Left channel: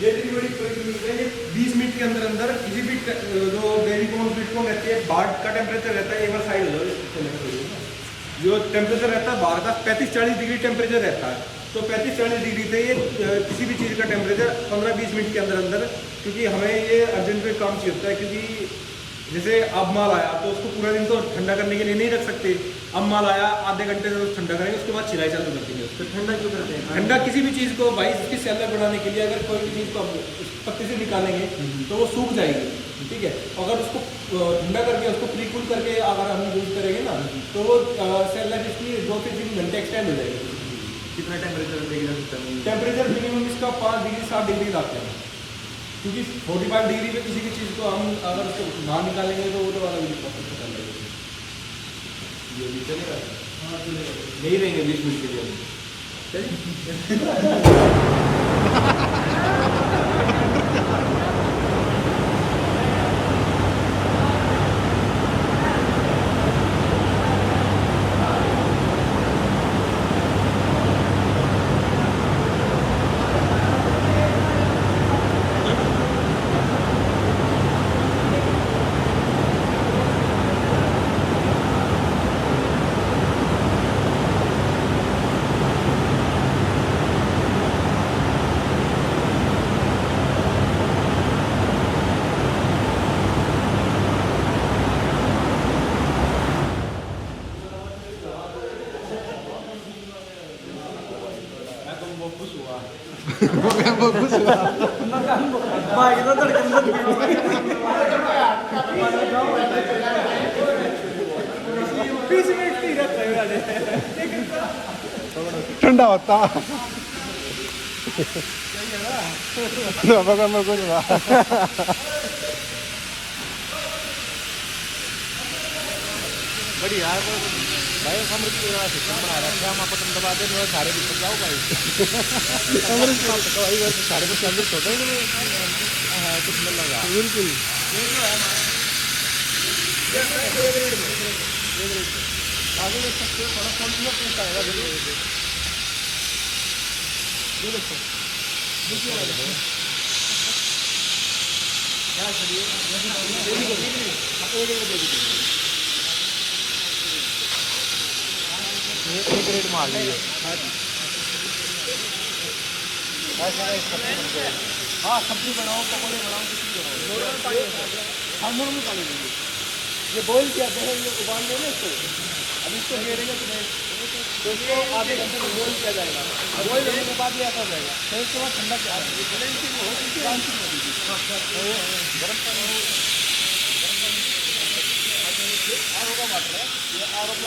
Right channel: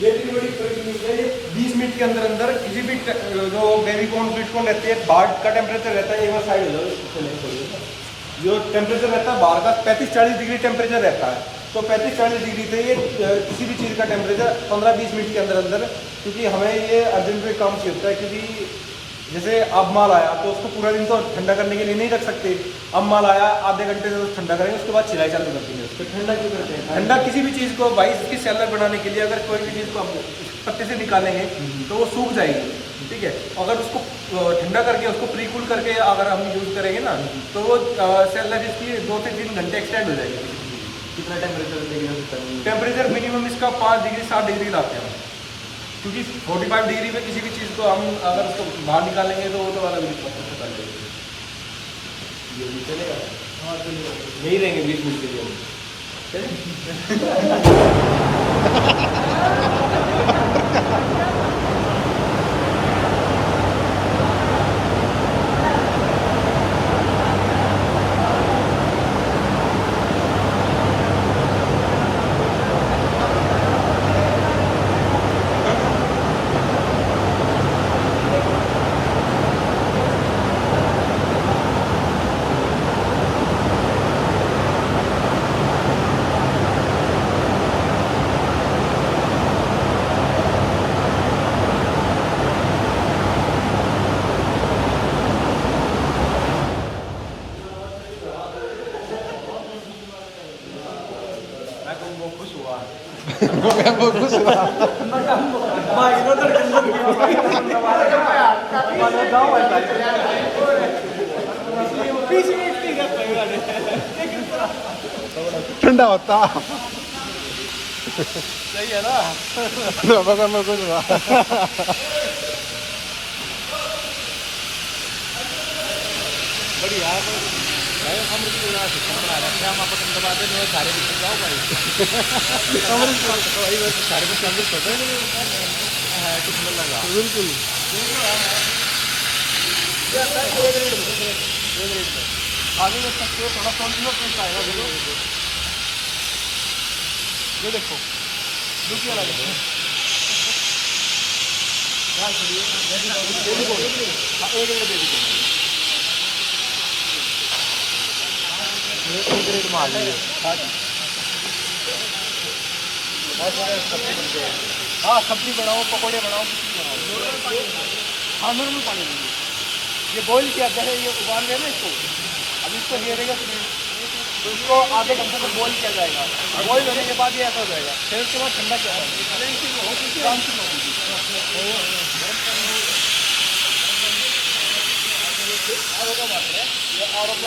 ये डिलीवरी मिल है, ये 20 मिनट के अंदर अंदर किसी भी जो बेबी कॉर्न स्वीट कॉर्न रहती है, बाहर का टेम्परेचर रहता है, एक बार साइड हो जाए, जो टेम्परेचर रहता है बाहर का 35-40 डिग्री टेम्परेचर रहता है। तो 35-40 डिग्री से ये किसी भी चीज़ का टेम्परेचर 15-20 मिनट के अंदर अंदर, क्योंकि हमें ये अर्जेंट में काम चाहिए होता है, क्योंकि जैसे अब माल आया तो उसको पूरा दिन तो ठंडा करने के लिए नहीं रख सकते। अब माल आया आधे घंटे से ठंडा करेंगे, उसके बाद सिलाई चालू करते हैं। तो ठंडा क्यों करते हैं? ठंडा किसी भी चीज़ को भाई इसकी सेलर बनाने के लिए अगर कोई भी चीज़ को आप पत्ते से निकालेंगे तो वो सूख जाएगी, ठीक है। अगर उसको ठंडा करके उसको प्रीकूल करके अगर हम यूज़ करेंगे ना तो वो सेलर इसकी 2 से 3 घंटे एक्सटेंड हो जाएगी। कितना टेम्परेचर? टेम्परेचर मिनिमम इसका 5 डिग्री 7 डिग्री लाते हैं, क्योंकि 45 डिग्री पे किसी भी चीज़ को हम अगर उसको बाहर निकालेंगे तो वो तो वाला भी पता लगेगा। ये भी चलेगा? हाँ चलिए, यही रहेंगे 20 मिनट के लिए। ठंडा होता सही है ना। बढ़िया बिल्कुल आगे देख सकते हो, थोड़ा कॉन्टिन्यू टेस्ट आएगा। ये देखो दूसरी वाला देखो, एक रेट मार लीजिए। हाँ सब्जी बनाओ, पकौड़े बनाओ, कुछ भी बनाओ। हाँ मेनू पानी ये बॉइल किया पहले, ये उबाल लिया ना इसको, अब इसको घेरेगा तो इसको आधे घंटे तक बॉइल किया जाएगा। बॉइल होने के बाद ये ऐसा हो जाएगा, फिर उसके बाद ठंडा किया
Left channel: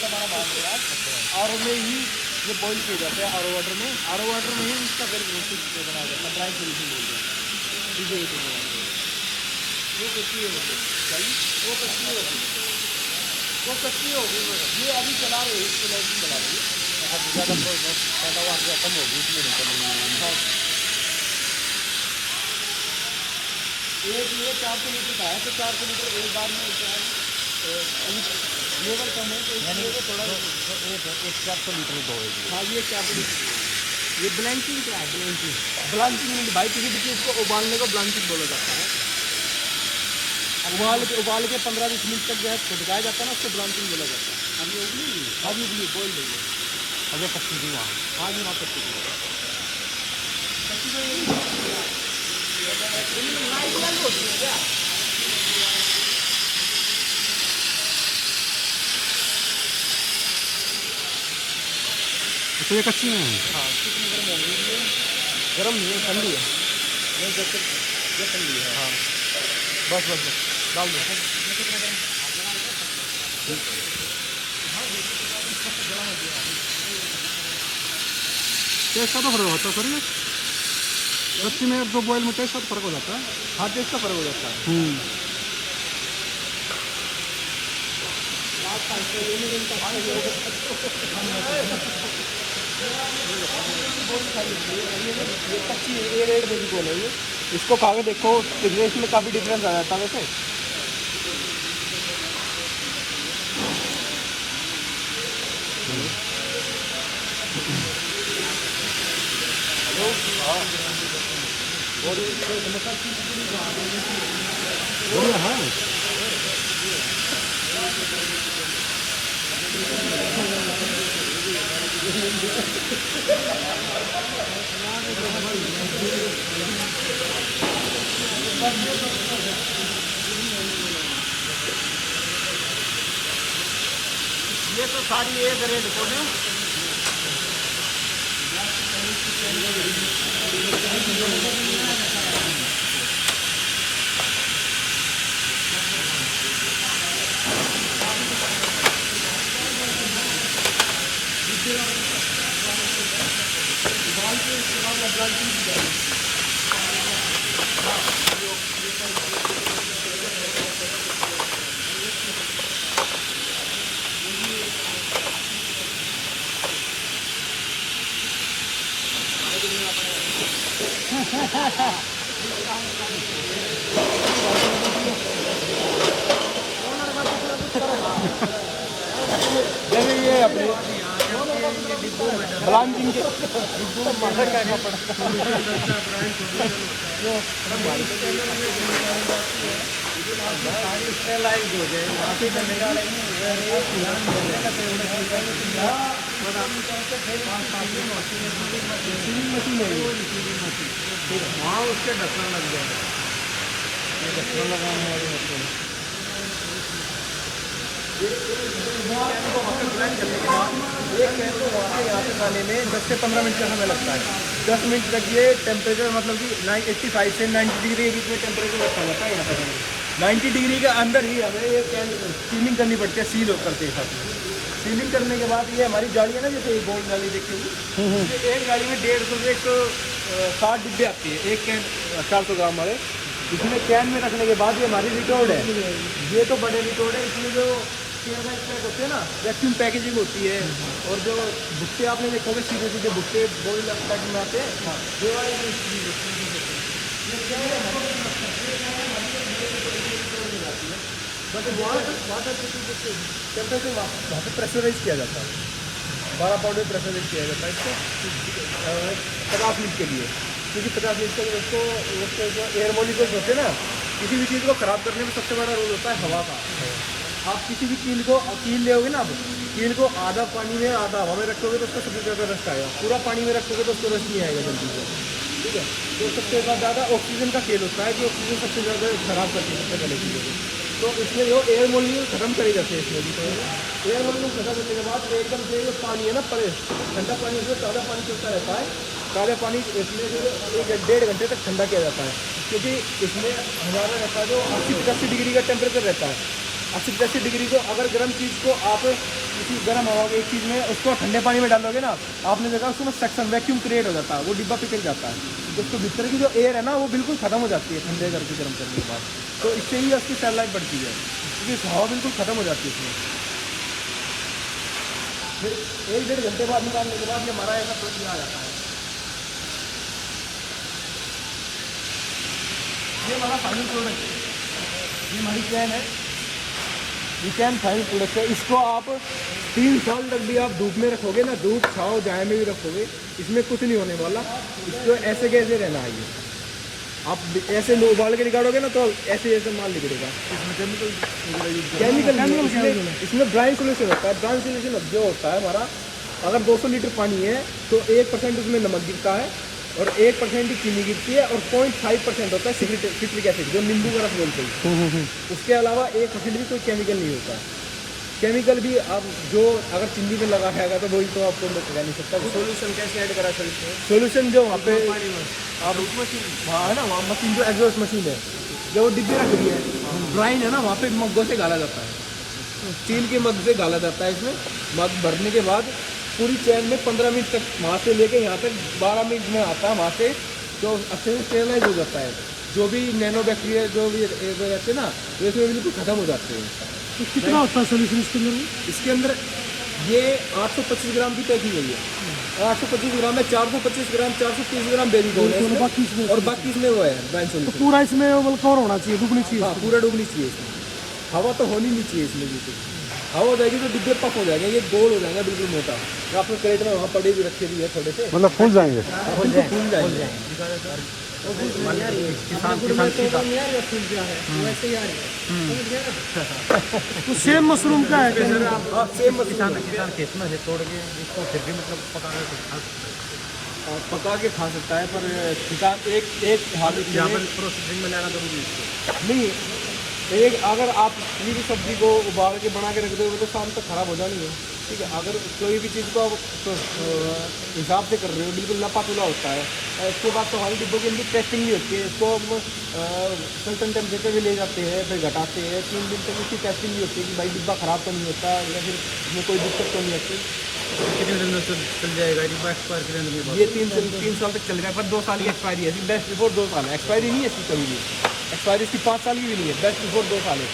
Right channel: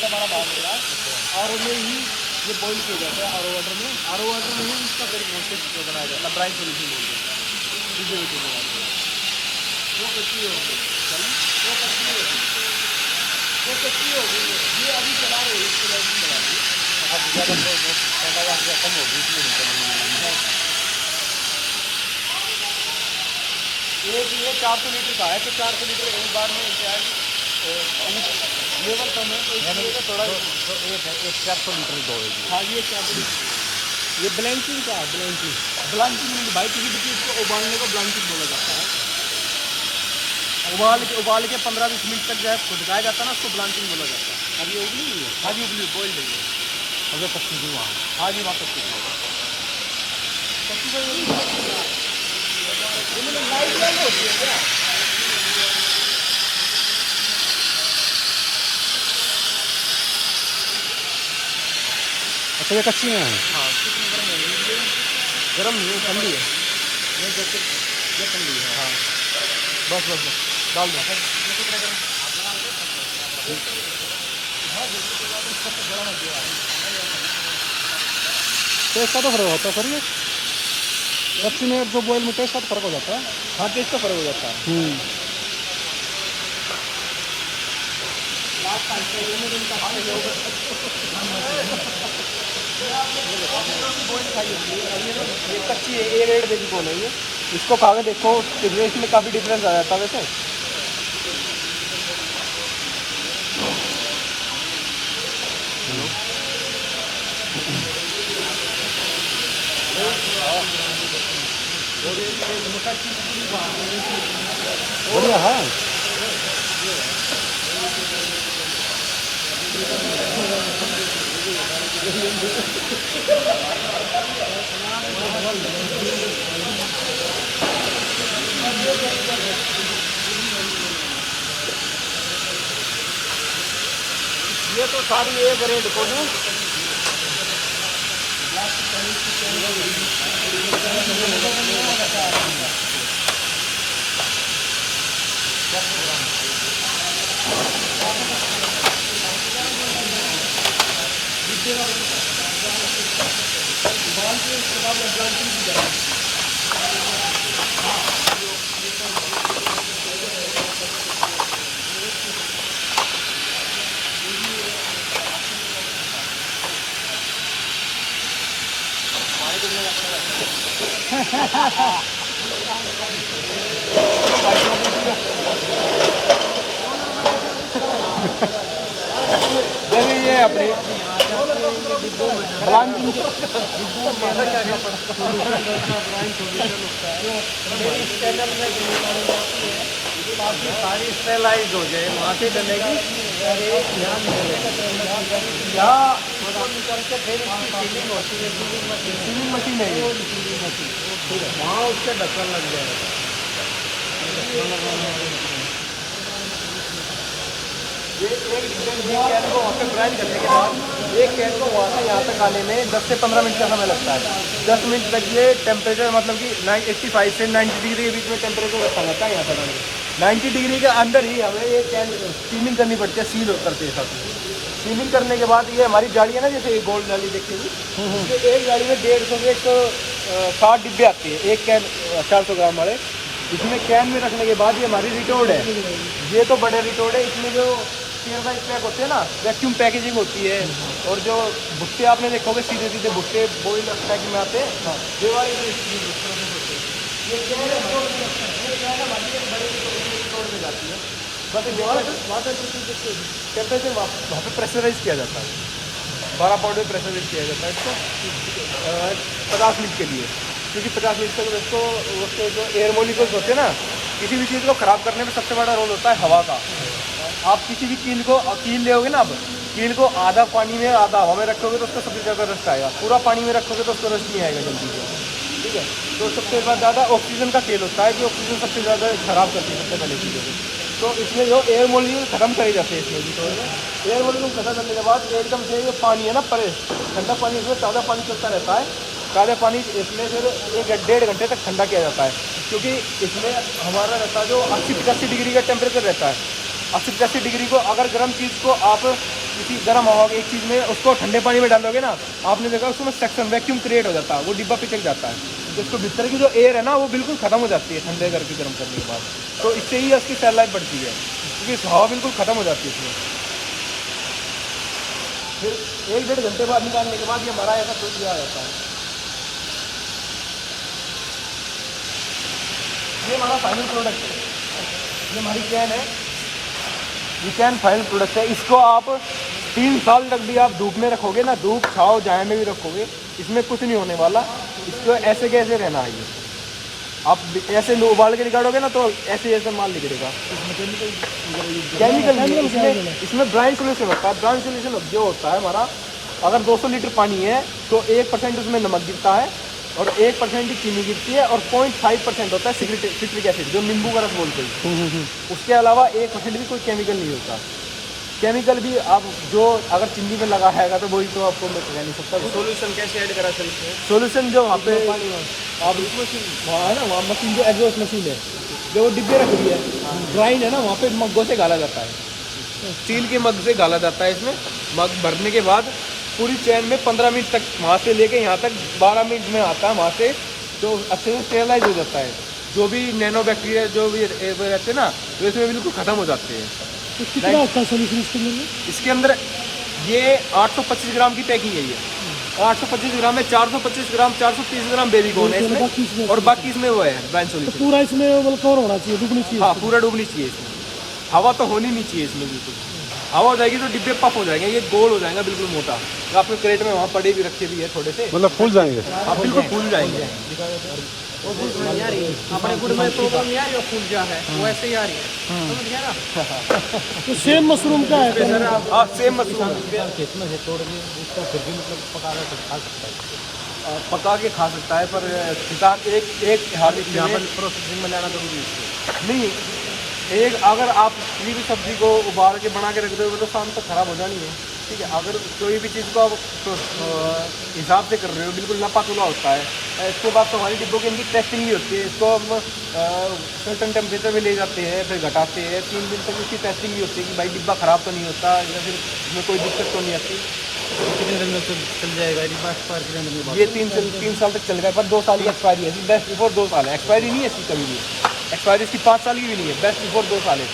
हमारा बात है। और में ही ये बॉइल किया जाता है, आर वाटर में। आर वाटर में ही इसका फिर प्रोसेस बनाया जाता है, ड्राई सोल्यूशन बोलते हैं। वो कच्ची होगी, वो कच्ची होगी, वो कच्ची होगी। ये अभी चला रहे इसको लाइटिंग चला रही है। अब ज़्यादा कम होगी इसलिए नहीं चलेगी। एक ये 400 लीटर का है, तो 400 लीटर एक बार में क्या लेवल कम है तो इसलिए थोड़ा 400 लीटर तो होगी। हाँ ये 400 लीटर। ये ब्लैंचिंग क्या है? ब्लैंचिंग भाई किसी भी चीज़ को उबालने को ब्लैंचिंग बोला जाता है। उबाल के 15-20 मिनट तक जो है खुदकाया जाता है ना, उसको ब्लांचिंग बोला जाता है। अब ये उबली हुई है? हाँ जी उबली, बॉइल नहीं है। अभी कच्ची थी वहाँ। हाँ जी वहाँ कच्ची थी। अच्छा ये कच्ची में है? हाँ गर्म नहीं है, ठंडी है। ये ठंडी है। हाँ बस डाल दो। टेस्ट का तो फर्क होता है सर, ये कच्ची में जो बॉयल में टेस्ट का तो फर्क हो जाता है। हाँ टेस्ट का फर्क हो जाता है। ये कच्ची है, ए रेड बेबी कॉर्न है ये। इसको खा के देखो, टेस्ट में काफ़ी डिफरेंस आ जाता है वैसे। बढ़िया है। ये तो सारी एक रेट को ना ये अपने सारी स्टेलाइज हो जाए वहाँ से डलेगी सीलिंग मशीन है ठीक है वहाँ उसके ढक्कन लग जाएगा ये ढक्कन लगाने वाली मशीन ये एक कैन को वहाँ तक ग्राइंड करने के बाद एक कैन को वहाँ से यहाँ तक आने में 10 से 15 मिनट का समय लगता है। 10 मिनट तक ये टेम्परेचर मतलब कि 85 से 90 डिग्री के बीच में टेम्परेचर रखा जाता है यहाँ तक आने 90 डिग्री के अंदर ही हमें ये कैन सीलिंग करनी पड़ती है, सील करते हैं साथ। सीलिंग करने के बाद ये हमारी गाड़ी है ना, जैसे एक गोल्ड नाली देखिए एक गाड़ी में 150 से 160 डिब्बे आती है, एक कैन 400 ग्राम वाले। इसमें कैन में रखने के बाद ये हमारी रिटोर्ड है, ये तो बड़े रिटोर्ड है। इसमें जो केयरवाइज पैक होते हैं ना, वैक्यूम पैकेजिंग होती है, और जो भुट्टे आपने देखोगे सीधे सीधे भुट्टे बॉइल पैक में आते हैं, ये वाली जो ये कैन है हमारी बड़े रिटोर्ड में जाती है। बस वाटर टेम्परेचर वहाँ पे प्रेशराइज किया जाता है, 12 पाउंड में प्रेशराइज किया जाता है इसको 50 मिनट के लिए, क्योंकि 50 मिनट तक उसको उसके जो एयर मोलिक्यूल्स होते हैं ना, किसी भी चीज़ को ख़राब करने में सबसे बड़ा रोल होता है हवा का। आप किसी भी कील ले ना, अब कील को आधा पानी में आधा हवा में रखोगे तो उसको सबसे ज़्यादा रस्ट आएगा, पूरा पानी में रखोगे तो उसको रस्ट नहीं आएगा जल्दी से, ठीक है। तो सबसे ज़्यादा ऑक्सीजन का खेल होता है कि ऑक्सीजन सबसे ज़्यादा खराब करती है सबसे पहले चीज़ों को। तो इसमें जो एयर मोलिक्यूल खत्म करे जाते हैं इसमें भी, तो एयर मोलिक्यूल खत्म करने के बाद एकदम से ये पानी है ना परे ठंडा पानी, इसमें ताज़ा पानी चलता रहता है, ताज़ा पानी इसमें फिर 1-1.5 घंटे तक ठंडा किया जाता है, क्योंकि इसमें हमारा रहता है जो 80-85 डिग्री का टेम्परेचर रहता है। 80-85 डिग्री को अगर गर्म चीज़ को आप किसी गर्म हवा की एक चीज़ में उसको ठंडे पानी में डालोगे ना, आपने देखा उसमें सेक्शन वैक्यूम क्रिएट हो जाता है, वो डिब्बा पिचक जाता है, तो इसको भीतर की जो एयर है ना वो बिल्कुल खत्म हो जाती है ठंडे करके गर्म करने के बाद। तो इससे ही इसकी सेल लाइफ बढ़ती है, क्योंकि हवा बिल्कुल खत्म हो जाती है इसमें। फिर 1-1.5 घंटे बाद निकालने के बाद ये हमारा ऐसा दूध दिया जाता है। ये हमारा फाइनल प्रोडक्ट है, ये हमारी कैन है, ये कैन फाइनल प्रोडक्ट है। इसको आप 3 साल तक भी आप धूप में रखोगे ना, धूप छाँव जाए में भी रखोगे, इसमें कुछ नहीं होने वाला। इसको ऐसे कैसे रहना है, ये आप ऐसे उबाल के निकालोगे ना तो ऐसे ऐसे माल निकलेगा। केमिकल इसमें ब्राइन सोल्यूशन होता है। ब्राइन सोल्यूशन जो होता है हमारा, अगर 200 लीटर पानी है तो 1% उसमें नमक गिरता है और 1% ही चीनी गिरती है, और 0.5% होता है सिट्रिक एसिड, जो नींबू का रस बोलते हैं। उसके अलावा 1% भी कोई केमिकल नहीं होता। केमिकल भी आप जो अगर चीनी में लगा है तो वही तो आपको मैं कह नहीं सकता। सोल्यूशन कैसे ऐड करा सकते हैं? सोल्यूशन जो वहाँ पे आप है ना, वहाँ मशीन जो एग्जॉस्ट मशीन है, जो वो डिब्बे रख रही है, ड्राइन है ना, वहाँ पे मग्गों से गाला जाता है, स्टील के मग से गाला जाता है। इसमें मग भरने के बाद पूरी चैन में 15 मिनट तक, वहाँ से लेके यहाँ तक 12 मिनट में आता है, वहाँ से तो अच्छे से स्टेरलाइज हो जाता है। जो भी नैनो बैक्टीरिया जो भी रहते हैं ना, तो इसमें बिल्कुल ख़त्म हो जाते हैं। तो कितना होता है सोल्यूशन इसके अंदर? इसके अंदर ये 825 ग्राम की पैकिंग है, ये 825 ग्राम में 425 ग्राम 430 ग्राम बेबी कॉर्न है इसमें, और बाकी इसमें वो है ब्राइन सोल्यूशन। तो पूरा इसमें कवर होना चाहिए, डूबनी चाहिए। हाँ, पूरा डूबनी चाहिए इसमें, हवा तो होनी नहीं चाहिए इसमें बिल्कुल। हवा हो जाएगी तो डिब्बे पफ हो जाएंगे, ये गोल हो जाएगा बिल्कुल मोटा। जो आपके क्रेट में वहाँ पड़े भी रखे भी है थोड़े से, मतलब फूल जाएंगे। आप बिल्कुल फूल जाएंगे। अपने गुड़ में तो नहीं आ रही है फूल क्या है, वो ऐसे ही आ रही है, समझ गया ना। तो सेम मशरूम का है सर आप सेम मशरूम खेत में से तोड़ के इसको फिर भी मतलब पका के खा सकता है। पका के खा सकता है, पर किसान एक हार्वेस्ट यहाँ में पर प्रोसेसिंग में लाना जरूरी है इसको। नहीं, एक अगर आप किसी भी सब्जी को उबाल के बना के रख दो तो शाम तक खराब हो जानी है, ठीक है। अगर कोई भी चीज़ को आप हिसाब से कर रहे हो, बिल्कुल नपा तुला होता है। इसके बाद तो हमारी डिब्बों की इनकी टेस्टिंग भी होती है, इसको हम सर्टन टेम्परेचर में ले जाते हैं, फिर घटाते हैं। 3 दिन तक इसकी टेस्टिंग भी होती है कि भाई डिब्बा ख़राब तो नहीं होता या फिर इसमें कोई दिक्कत तो नहीं आती। कितने दिन में चल जाएगा ये 3 साल तक चल गया, पर 2 साल की एक्सपायरी है, बेस्ट बिफोर 2 साल है। एक्सपायरी नहीं है इसकी कभी भी, एक्सपायरी इसकी 5 साल की भी नहीं है, बेस्ट बिफोर 2 साल है।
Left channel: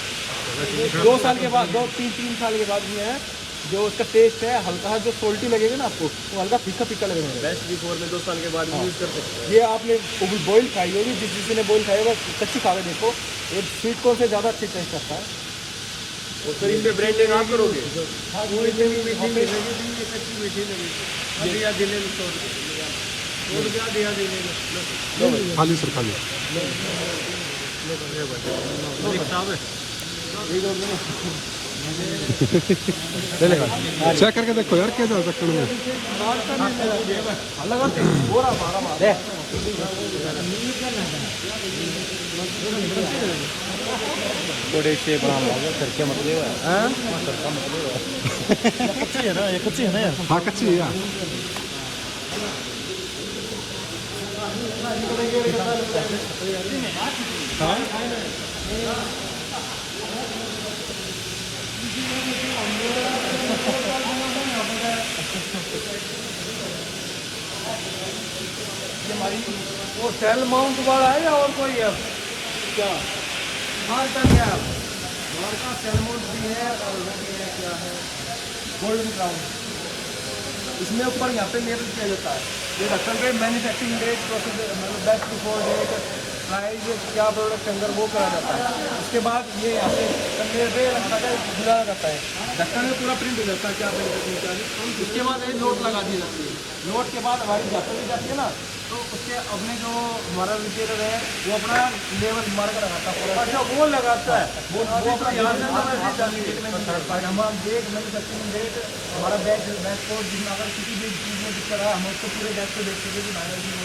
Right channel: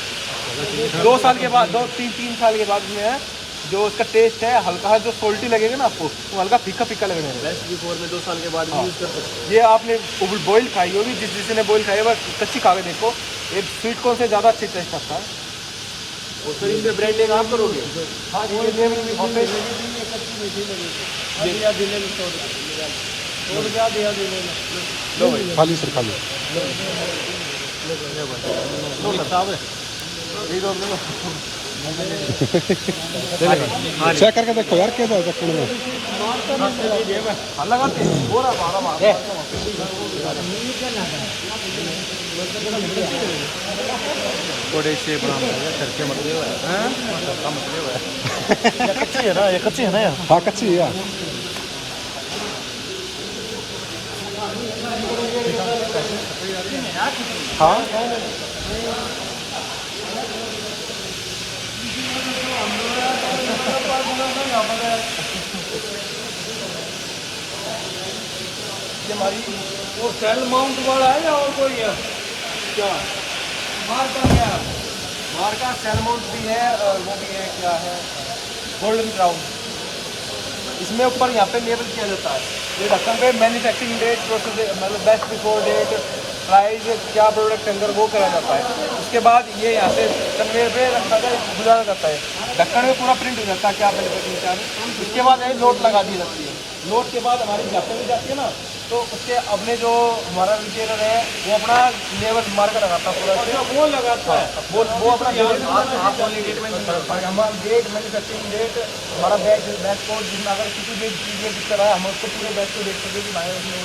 2 साल के बाद 3 साल के बाद में है जो इसका टेस्ट है हल्का है, जो सोल्टी लगेगा ना आपको वो हल्का फीका फीका लगने है। बेस्ट बिफोर में 2 साल के बाद यूज कर सकते हैं। ये आपने बॉईल खाई होगी, जिसने बॉईल खाई है कच्ची खा के देखो, ये स्वीट कॉर्न से ज़्यादा अच्छी टेस्ट आता है। और फिर इनमें ब्रांडिंग आप करोगे, हाँ खाली सर खाली। चेक करके देखो यार क्या चक्कर में थोड़े से बना करके मतलब कच्ची है ना, ये कच्ची है ना। हाँ कच्ची है। हाँ हमारी वो सेल माउंट वाला है या और कोई है क्या? मार्का सेल माउंट भी है, वो भी है, क्या है, गोल्डन क्राउन। इसमें ऊपर यहाँ पे लेबल किया जाता है, ये ढक्कन पे मैन्युफैक्चरिंग डेट, प्रोसेस मतलब बेस्ट बिफोर डेट, प्राइस, क्या प्रोडक्ट अंदर वो करा जाता है। उसके बाद ये यहाँ से कन्वेयर पे गुजारा जाता है, ढक्कन में पूरा प्रिंट हो जाता है क्या मैन्युफैक्चरिंग चार्ज। उसके बाद ये नोट लगा दी जाती है, नोट के बाद हमारी ढक्कन में जाती है ना, तो उसके अपने जो हमारा रिटेलर है वो अपना लेवल मार्क लगाता है पूरा। अच्छा वो लगाता है, वो अपना हमारा डेट मैन्युफैक्चरिंग डेट, हमारा बैच कोड, जिसमें अगर किसी भी चीज़ में दिक्कत है हम उसको पूरे बैच को देख सकें कि भाई उसमें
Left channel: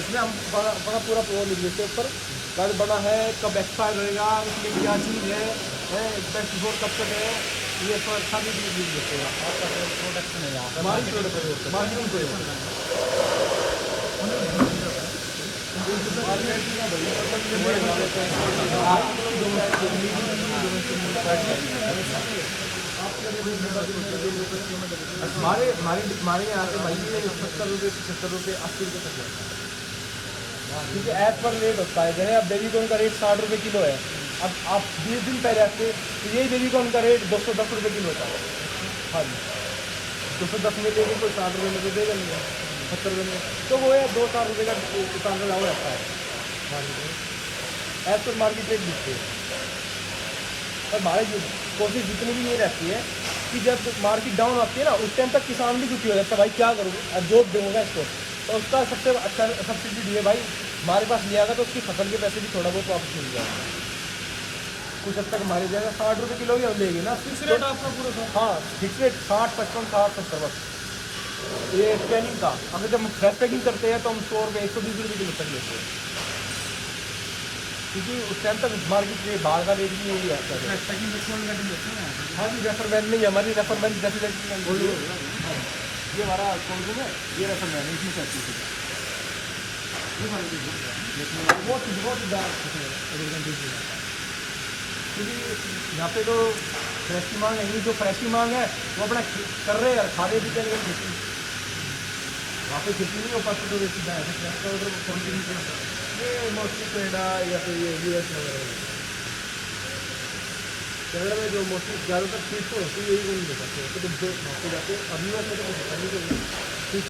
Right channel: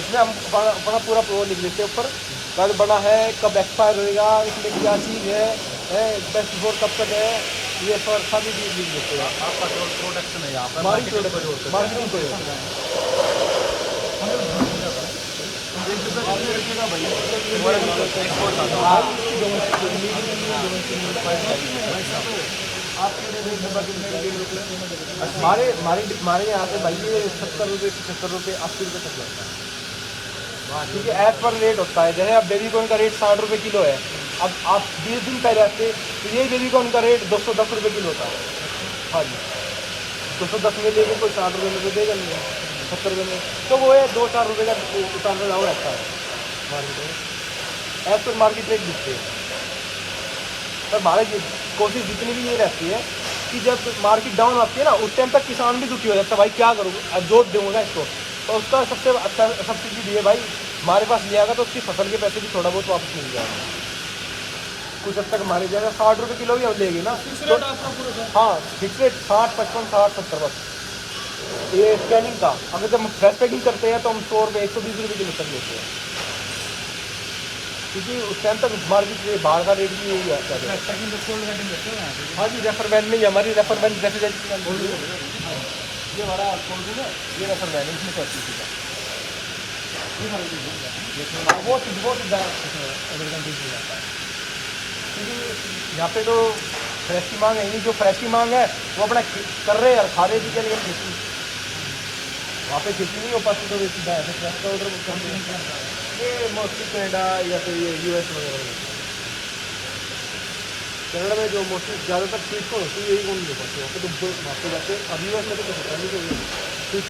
इसमें हम बड़ा पूरा वो लिख लेते हैं ऊपर, कब बना है, कब एक्सपायर होएगा, इसमें क्या चीज़ है बेस्ट बिफोर कब तक है, ये पर सभी चीज़ लिख देते हैं। आपका जो प्रोडक्शन है यहाँ पर मार्केटिंग हमारे यहाँ से भाई ये 70 रुपये, 75 रुपये, 80 रुपये तक लगता है, क्योंकि एज पर रेट होता है। जैसे अब बेबीकॉर्न का रेट 60 रुपये किलो है, अब आप 20 दिन पहले आते तो ये बेबीकॉर्न का रेट 210 रुपये किलो होता है। हाँ जी, 210 में लेके कोई 60 रुपये में तो देगा नहीं है, 70 रुपये में, तो वो है 2-4 रुपये का उतार चढ़ाव रहता है एज पर मार्केट रेट दिखते हैं। पर हमारी कोशिश जितनी भी ये रहती है कि जब मार्केट डाउन आती है ना, उस टाइम तक किसान भी दुखी हो जाता है, भाई क्या करूँ, अब जोत दूंगा इसको, तो उसका सबसे अच्छा सब्सिडी है भाई हमारे पास ले आएगा तो उसकी फसल के पैसे भी थोड़ा बहुत वापस मिल जाएगा, कुछ हद तक हमारी जाएगा। 60 रुपये किलो भी हम लेंगे ना, तो हाँ फिक्स रेट 60, 55, 60, 70 बस। ये स्कैनिंग का, अगर जब हम फ्रेश पैकिंग करते हैं तो हम 100 रुपये, 120 रुपये किलो तक लेते हैं, क्योंकि उस टाइम तक मार्केट रेट बाहर का रेट भी यही आता है। हाँ जी, रेफर वैन में ही हमारी रेफर वैन रेफ्रिजरेटर ये हमारा कोल्ड रूम है, ये रेफर वैन है, इसमें सब चीज़ का वो सीधा एग्रीकल्चर हो जाता है, क्योंकि यहाँ पे तो फ्रेश की मांग है नहीं, जो फ्रेश की मांग है वो अपना कर रहे हैं, खा रहे भी क्या, लेकिन खेती वहाँ पे खेती नहीं हो पाती, तो वे सीधा ऐसे फ्रेश का ऑर्डर करते हैं। ये मोस्टली कनाडा या फिर ये US वगैरह में, कनाडा में जो मोस्टली ज़्यादातर स्वीट को होती है यही कौन दे पाते हैं, तो वहाँ पे जाते हैं। अब US में तो कुछ होता नहीं।